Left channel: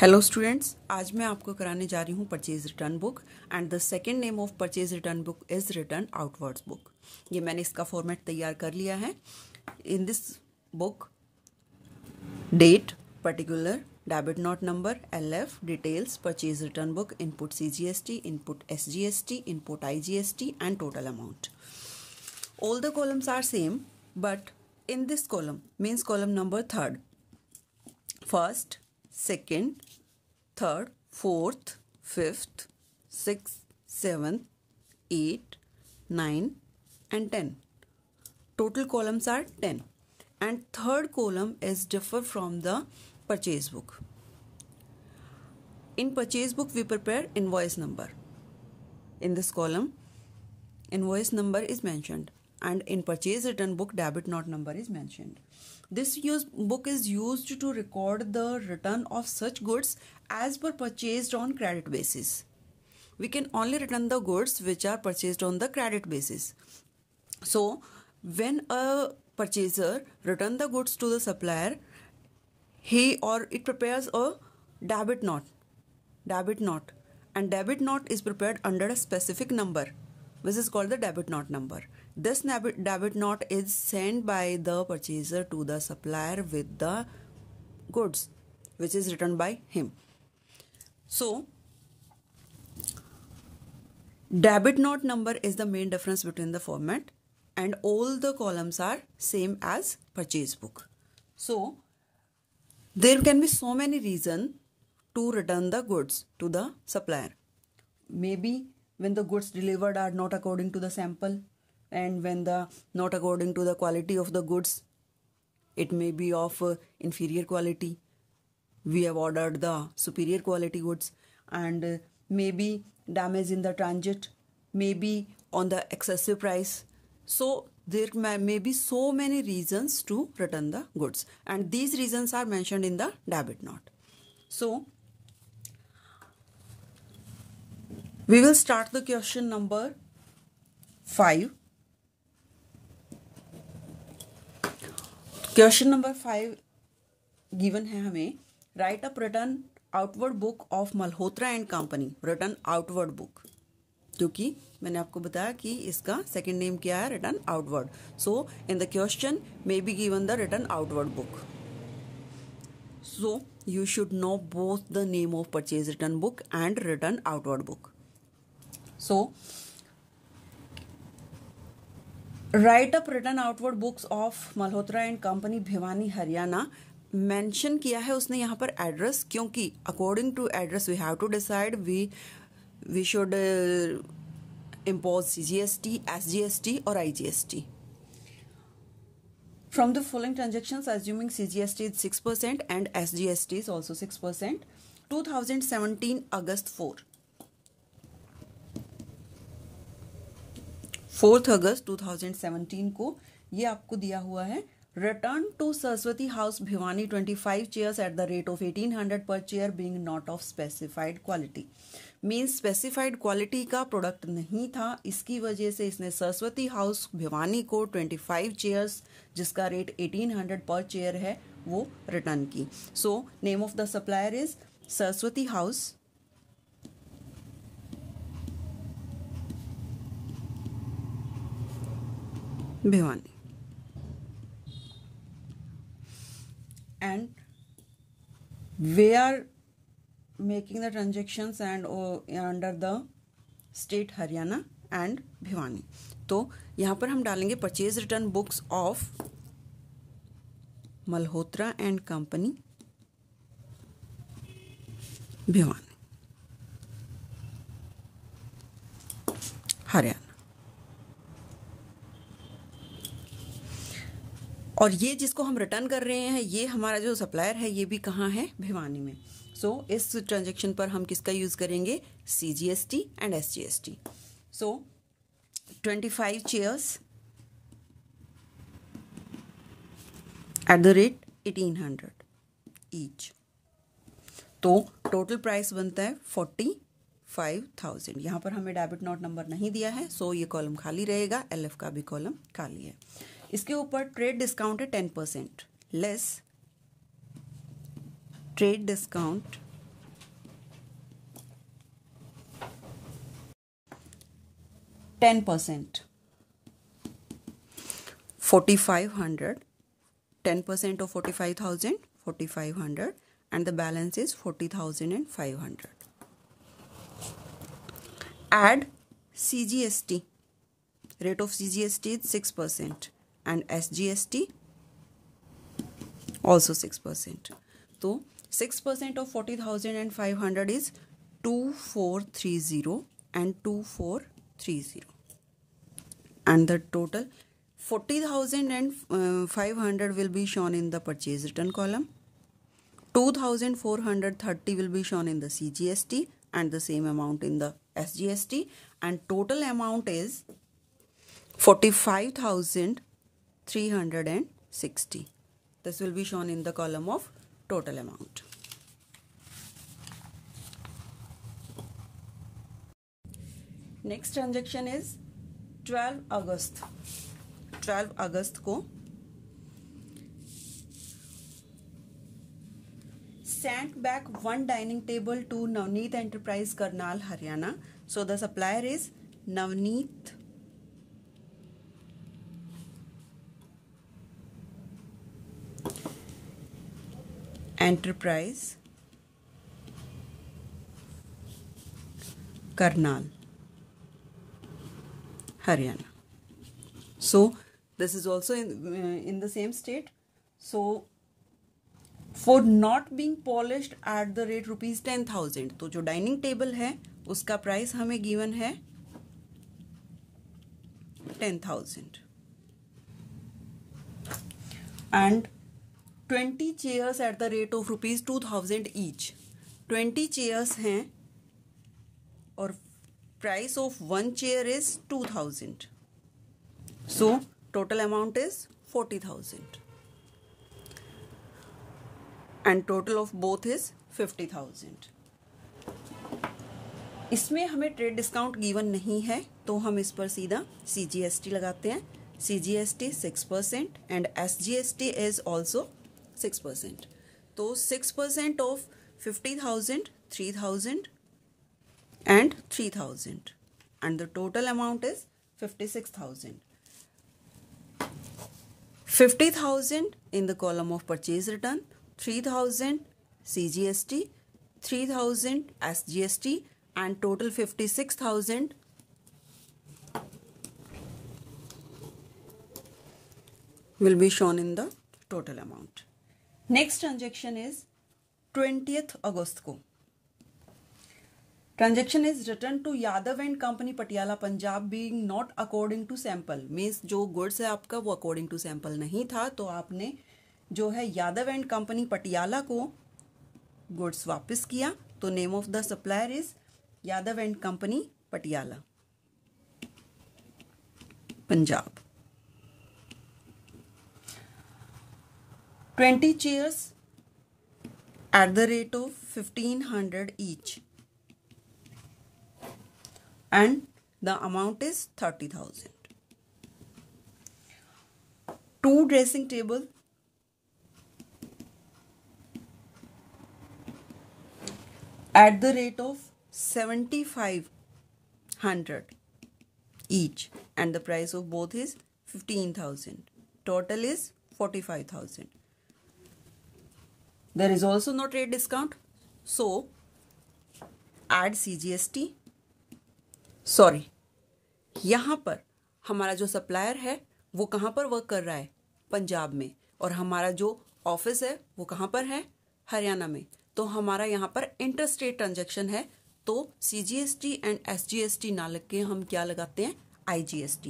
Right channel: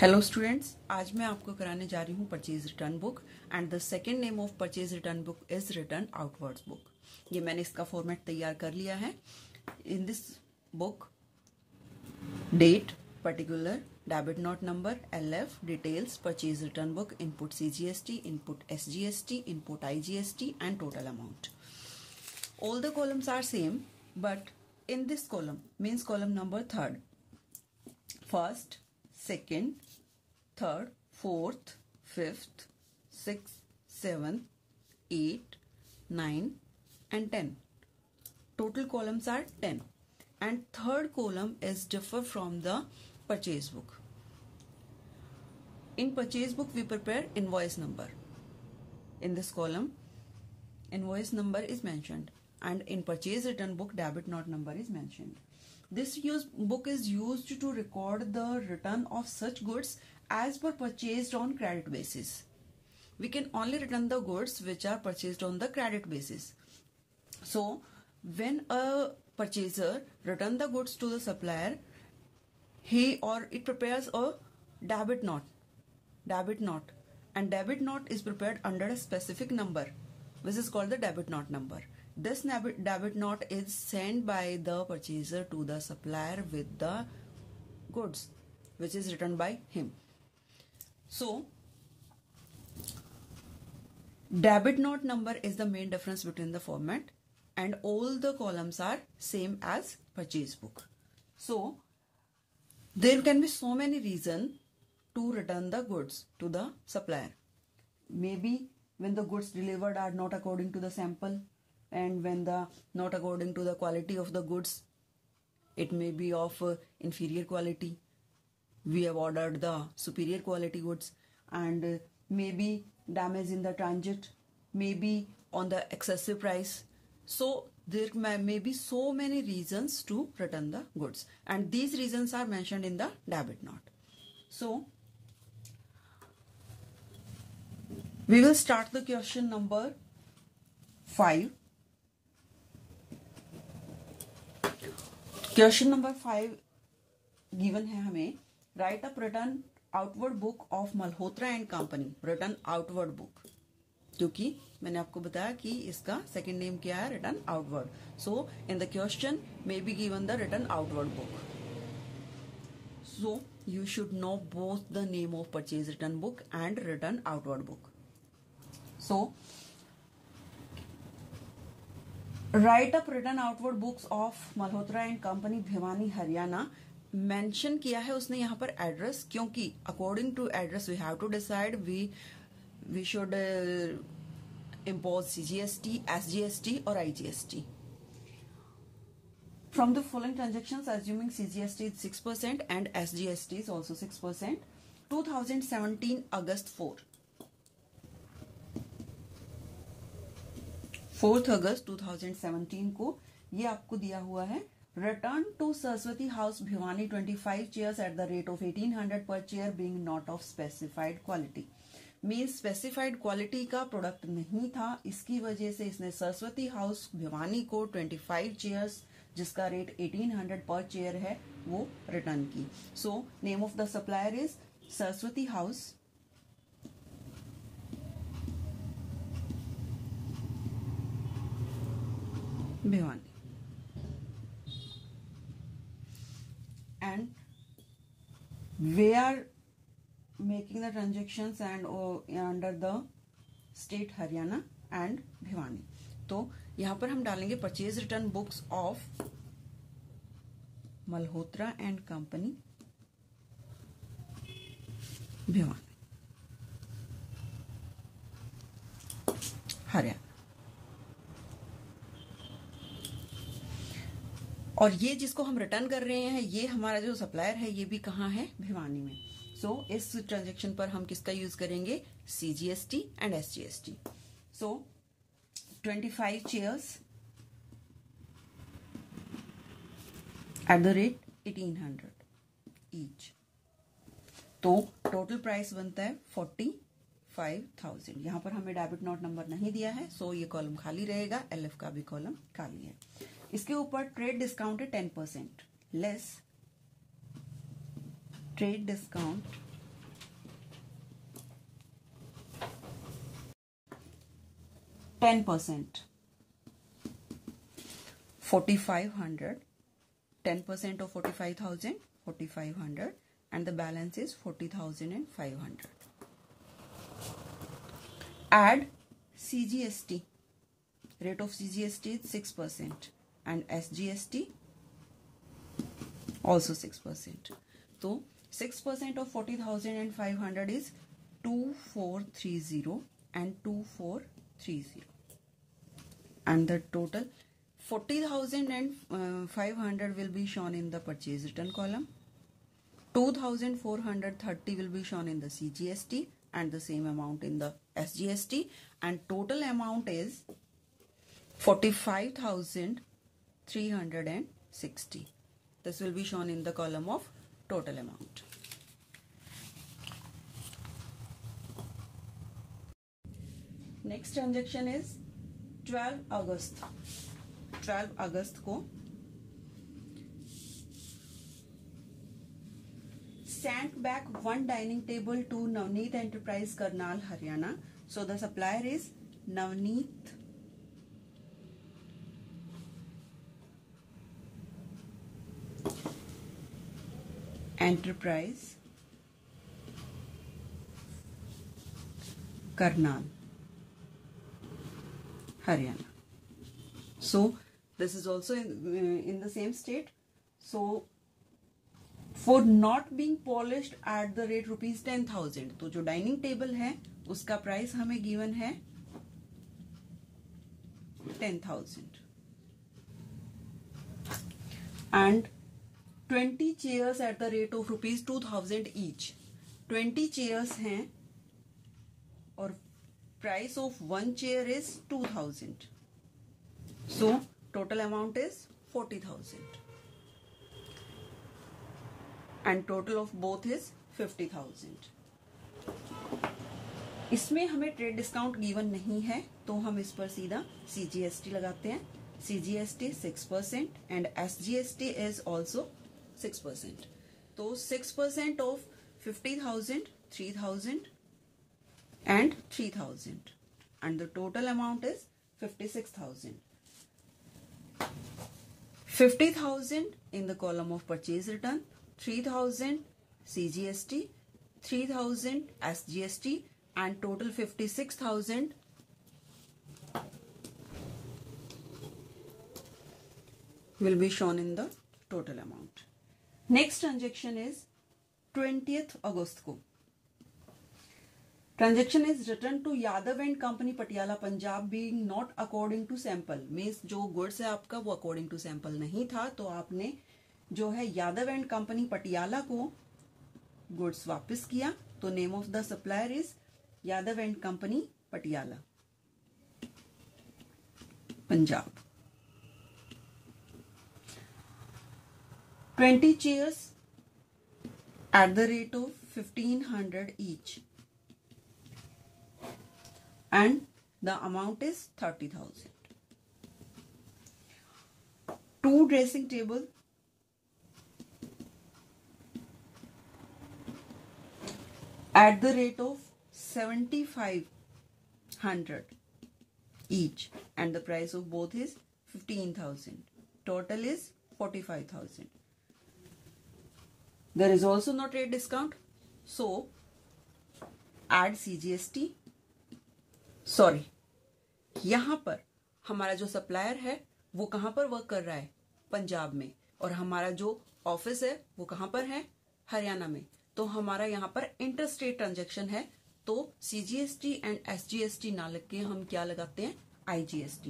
Hello students, आज मैं आपको कराने जा रही हूँ purchase return book and the second name of purchase return book is return outwards book. ये मैंने इसका फॉर्मेट तैयार कर लिया है। In this book date, particular, debit note number, LF, details, purchase return book, input CGST, input SGST, input IGST and total amount. All the columns are same, but in this column means column number third, first, second, third, fourth, fifth, sixth, seventh, 8, 9 and 10. Total columns are 10 and third column is differ from the purchase book. In purchase book we prepare invoice number. In this column invoice number is mentioned and in purchase return book debit note number is mentioned. This book is used to record the return of such goods as per purchased on credit basis. We can only return the goods which are purchased on the credit basis. So, when a purchaser return the goods to the supplier, he or it prepares a debit note, and debit note is prepared under a specific number. This is called the debit note number. This debit note is sent by the purchaser to the supplier with the goods which is written by him. So, debit note number is the main difference between the format and all the columns are same as purchase book. So, there can be so many reasons to return the goods to the supplier. Maybe when the goods delivered are not according to the sample, and when the not according to the quality of the goods, it may be of inferior quality. We have ordered the superior quality goods, and maybe damage in the transit, maybe on the excessive price. So there may be so many reasons to return the goods, and these reasons are mentioned in the debit note. So we will start the question number 5. Question number 5 given है हमें, right up return outward book of Malhotra and company, return outward book, क्योंकि मैंने आपको बताया कि इसका second name क्या है, return outward. So in the question may be given the return outward book. So you should know both the name of purchase return book and return outward book. So write up return outward books of Malhotra and company Bhiwani Haryana. Mention किया है उसने यहाँ पर address, क्योंकि according to address we have to decide we should impose CGST, SGST और IGST. From the following transactions, assuming CGST is 6% and SGST is also 6%, 2017 August 4th अगस्त 2017 को ये आपको दिया हुआ है. Return to Saraswati house Bhiwani 25 chairs at the rate of 1800 per chair being not of specified quality. Means specified quality का product नहीं था, इसकी वजह से इसने सरस्वती हाउस भिवानी को 25 चेयर्स जिसका रेट 1800 पर चेयर है वो रिटर्न की. So name of the supplier is Saraswati house Bhiwani and we are making the transactions and under the state Haryana and Bhiwani. तो यहां पर हम डालेंगे purchase return books of Malhotra and company Bhiwani Haryana. और ये जिसको हम रिटर्न कर रहे हैं, ये हमारा जो सप्लायर है ये भी कहाँ है, भिवानी में. सो इस ट्रांजैक्शन पर हम किसका यूज करेंगे, CGST and SGST. So 25 chairs at the rate 1800 each. तो टोटल प्राइस बनता है 45,000. यहां पर हमें डेबिट नोट नंबर नहीं दिया है, सो ये कॉलम खाली रहेगा, LF का भी कॉलम खाली है. इसके ऊपर ट्रेड डिस्काउंट है 10%, less trade discount 10%. 4,500. 10% of 45,000, 4,500, and the balance is 40,500. Add CGST. Rate of CGST is 6% and SGST also 6%. So 6% of 40,500 is 2,430 and 2,430, and the total 40,500 will be shown in the purchase return column. 2,430 will be shown in the CGST and the same amount in the SGST, and total amount is 45,360. This will be shown in the column of total amount. Next transaction is 12 अगस्त. 12 अगस्त को sent back one dining table to Navneet Enterprise, Karnal, Haryana. So the supplier is Navneet Enterprise, Karnal, Haryana. So this is also in the same state. So for not being polished at the rate rupees 10,000, तो जो dining table है उसका price हमें given है 10,000 and 20 chairs at the rate of rupees 2,000 each. 20 chairs हैं और price of one chair is 2,000. So total amount is 40,000 and total of both is 50,000. इसमें हमें ट्रेड डिस्काउंट गिवन नहीं है तो हम इस पर सीधा CGST लगाते हैं. CGST 6% and SGST is also 6%. तो 6% of 50,000, 3,000 and 3,000 and the total amount is 56,000. 50,000 in the column of purchase return, 3,000 CGST, 3,000 SGST and total 56,000 will be shown in the total amount. Next transaction is 20th August को. Transaction is returned to Yadav and Company, Patiala, Punjab, being not according to sample. Means जो goods है आपका वो according to sample नहीं था तो आपने जो है यादव एंड कंपनी पटियाला को गुड्स वापस किया. तो name of the supplier is Yadav and company Patiala, Punjab. 20 chairs at the rate of 1,500 each and the amount is 30,000. 2 dressing table at the rate of 7,500 each and the price of both is 15,000. Total is 45,000. There is also no trade discount, so add CGST. Sorry, यहाँ पर हमारा जो supplier है वो कहाँ पर work कर रहा है? पंजाब में. और हमारा जो ऑफिस है वो कहाँ पर है? हरियाणा में. तो हमारा यहाँ पर इंटर स्टेट ट्रांजेक्शन है तो CGST एंड SGST ना लग के हम क्या लगाते हैं? IGST.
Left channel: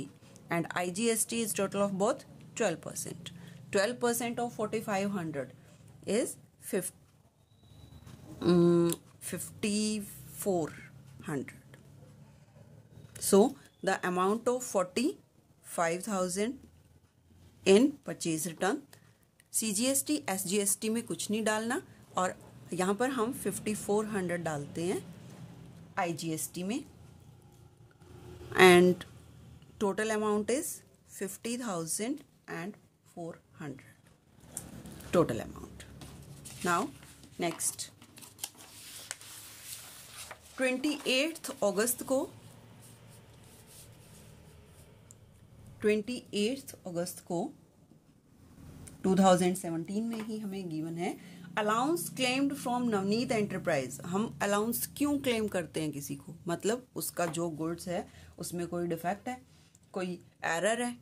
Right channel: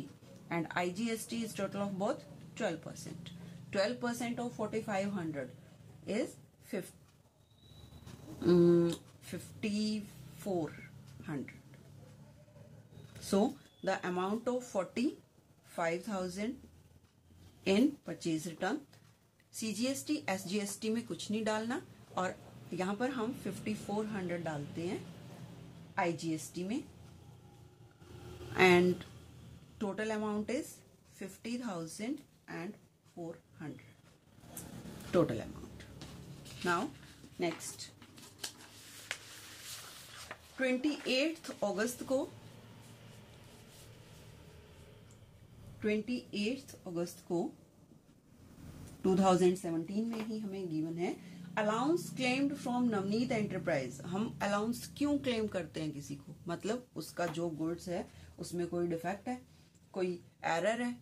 And IGST is total of both 12%. 12% of 4,500 is 5,400. So the amount of 45,000 in purchase return. CGST SGST में कुछ नहीं डालना और यहाँ पर हम 5,400 डालते हैं IGST में and total amount is 50,400 total amount. Now next 28th August को 28 अगस्त को 2017 में ही हमें गिवन है। Allowance claimed from Navneet enterprise. हम अलाउंस क्यों क्लेम करते हैं किसी को, मतलब उसका जो गुड्स है उसमें कोई डिफेक्ट है, कोई एरर है,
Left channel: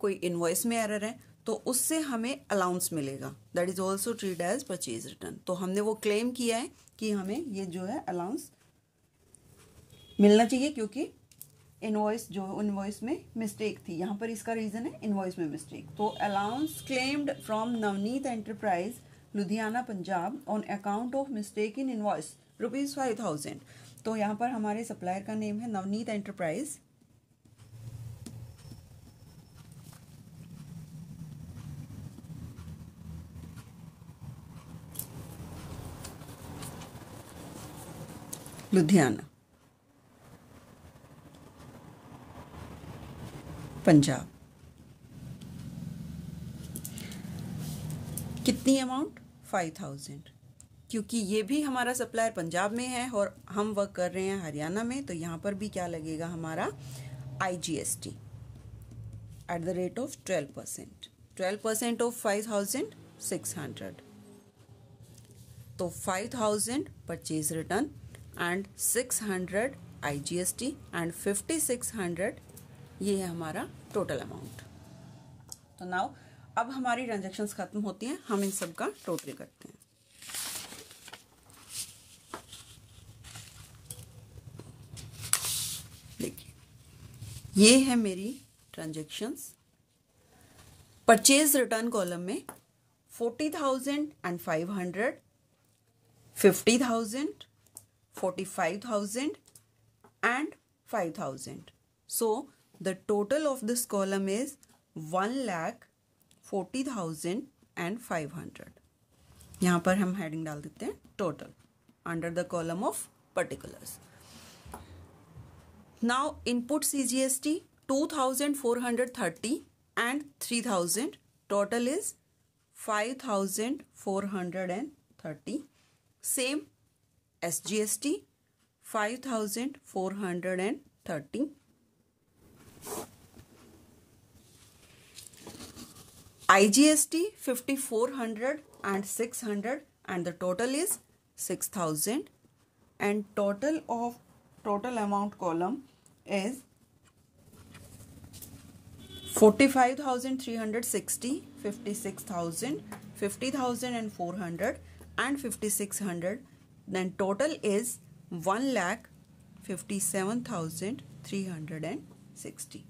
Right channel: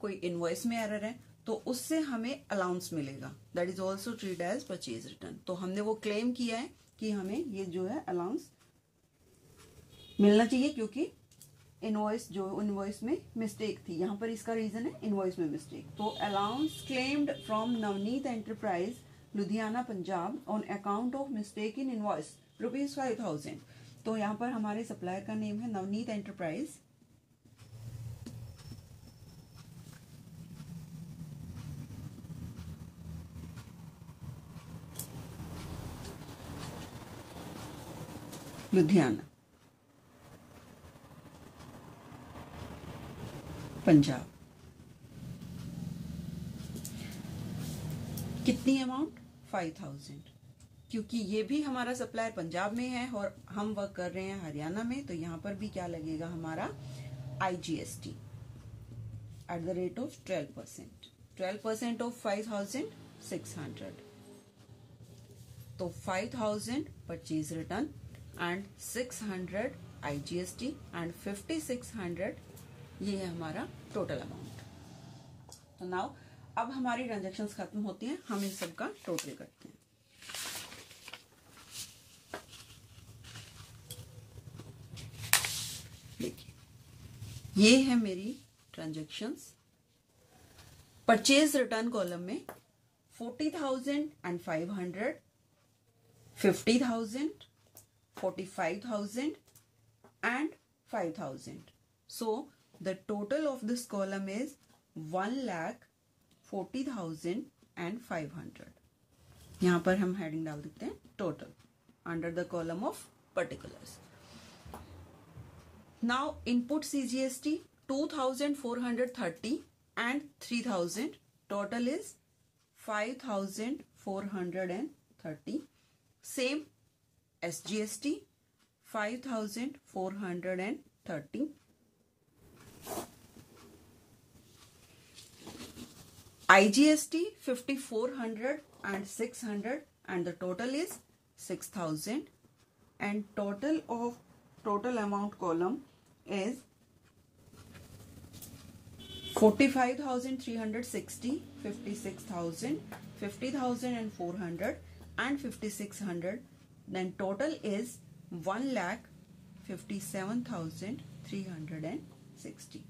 कोई इनवॉइस में एरर है, तो उससे हमें अलाउंस मिलेगा। That is also treat as purchase return. तो हमने वो क्लेम किया है कि हमें ये जो है अलाउंस मिलना चाहिए, क्योंकि इनवॉइस में मिस्टेक थी। यहाँ पर इसका रीजन है इनवॉइस में मिस्टेक। तो allowance claimed from Navneet enterprise Ludhiana Punjab on account of mistake in invoice ₹5,000। तो यहाँ पर हमारे सप्लायर का नेम है नवनीत एंटरप्राइज। लुधियाना पंजाब। कितनी अमाउंट? 5,000। क्योंकि ये भी हमारा सप्लायर पंजाब में है और हम वर्क कर रहे हैं हरियाणा में, तो यहां पर भी क्या लगेगा हमारा IGST eight the rate of 12%। 12% of 5,600। तो 5,000 purchase return and 600 IGST and 5,600 ये है हमारा टोटल अमाउंट। तो नाउ अब हमारी ट्रांजैक्शंस खत्म होती हैं, हम इन सब का टोटल करते हैं। देखिए ये है मेरी ट्रांजैक्शंस। परचेज रिटर्न कॉलम में 40,500, 50,000, 45,000 and 5,000. So the total of this column is 1,40,500. यहां पर हम हेडिंग डाल देते हैं total under the column of particulars. Now input CGST 2,430 and 3,000. Total is 5,430. Same SGST 5,430. IGST 5,400 and 600 and the total is 6,000, and total amount column is 45,360, 56,000, 50,400 and 5,600. Then total is 1,57,360.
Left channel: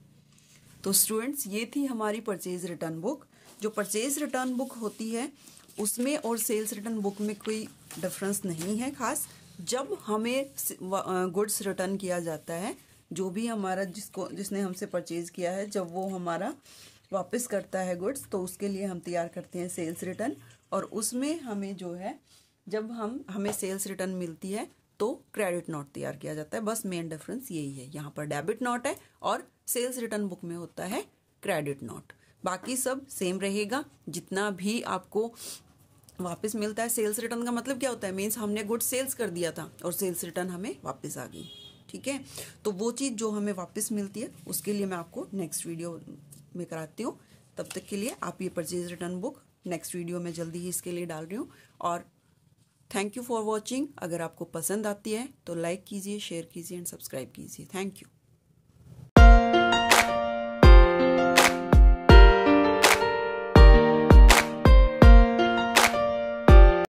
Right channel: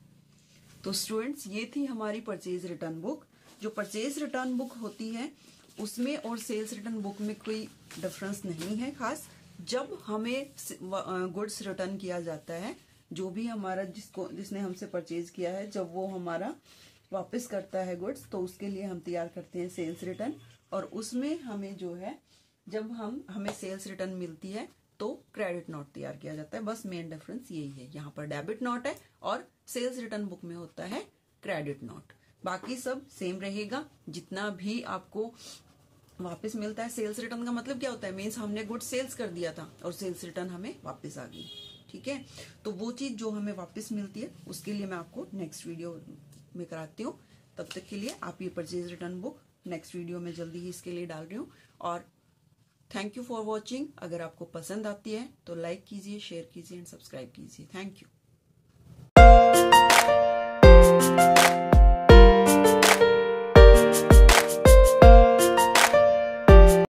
तो students ये थी हमारी purchase return book. जो purchase return book होती है उसमें और sales return book में कोई डिफरेंस नहीं है खास। जब हमें गुड्स रिटर्न किया जाता है, जो भी हमारा जिसने हमसे परचेज किया है, जब वो हमारा वापस करता है गुड्स, तो उसके लिए हम तैयार करते हैं सेल्स रिटर्न। और उसमें हमें जो है जब हमें सेल्स रिटर्न मिलती है तो क्रेडिट नोट तैयार किया जाता है। बस मेन डिफरेंस यही है, यहाँ पर डेबिट नोट है और सेल्स रिटर्न बुक में होता है क्रेडिट नोट। बाकी सब सेम रहेगा। जितना भी आपको वापस मिलता है, सेल्स रिटर्न का मतलब क्या होता है, मीन्स हमने गुड सेल्स कर दिया था और सेल्स रिटर्न हमें वापस आ गई। ठीक है, तो वो चीज जो हमें वापस मिलती है उसके लिए मैं आपको नेक्स्ट वीडियो में कराती हूँ। तब तक के लिए आप ये purchase return book next video में जल्दी ही इसके लिए डाल रही हूँ। और थैंक यू फॉर वॉचिंग। अगर आपको पसंद आती है तो लाइक कीजिए, शेयर कीजिए एंड सब्सक्राइब कीजिए। Thank you.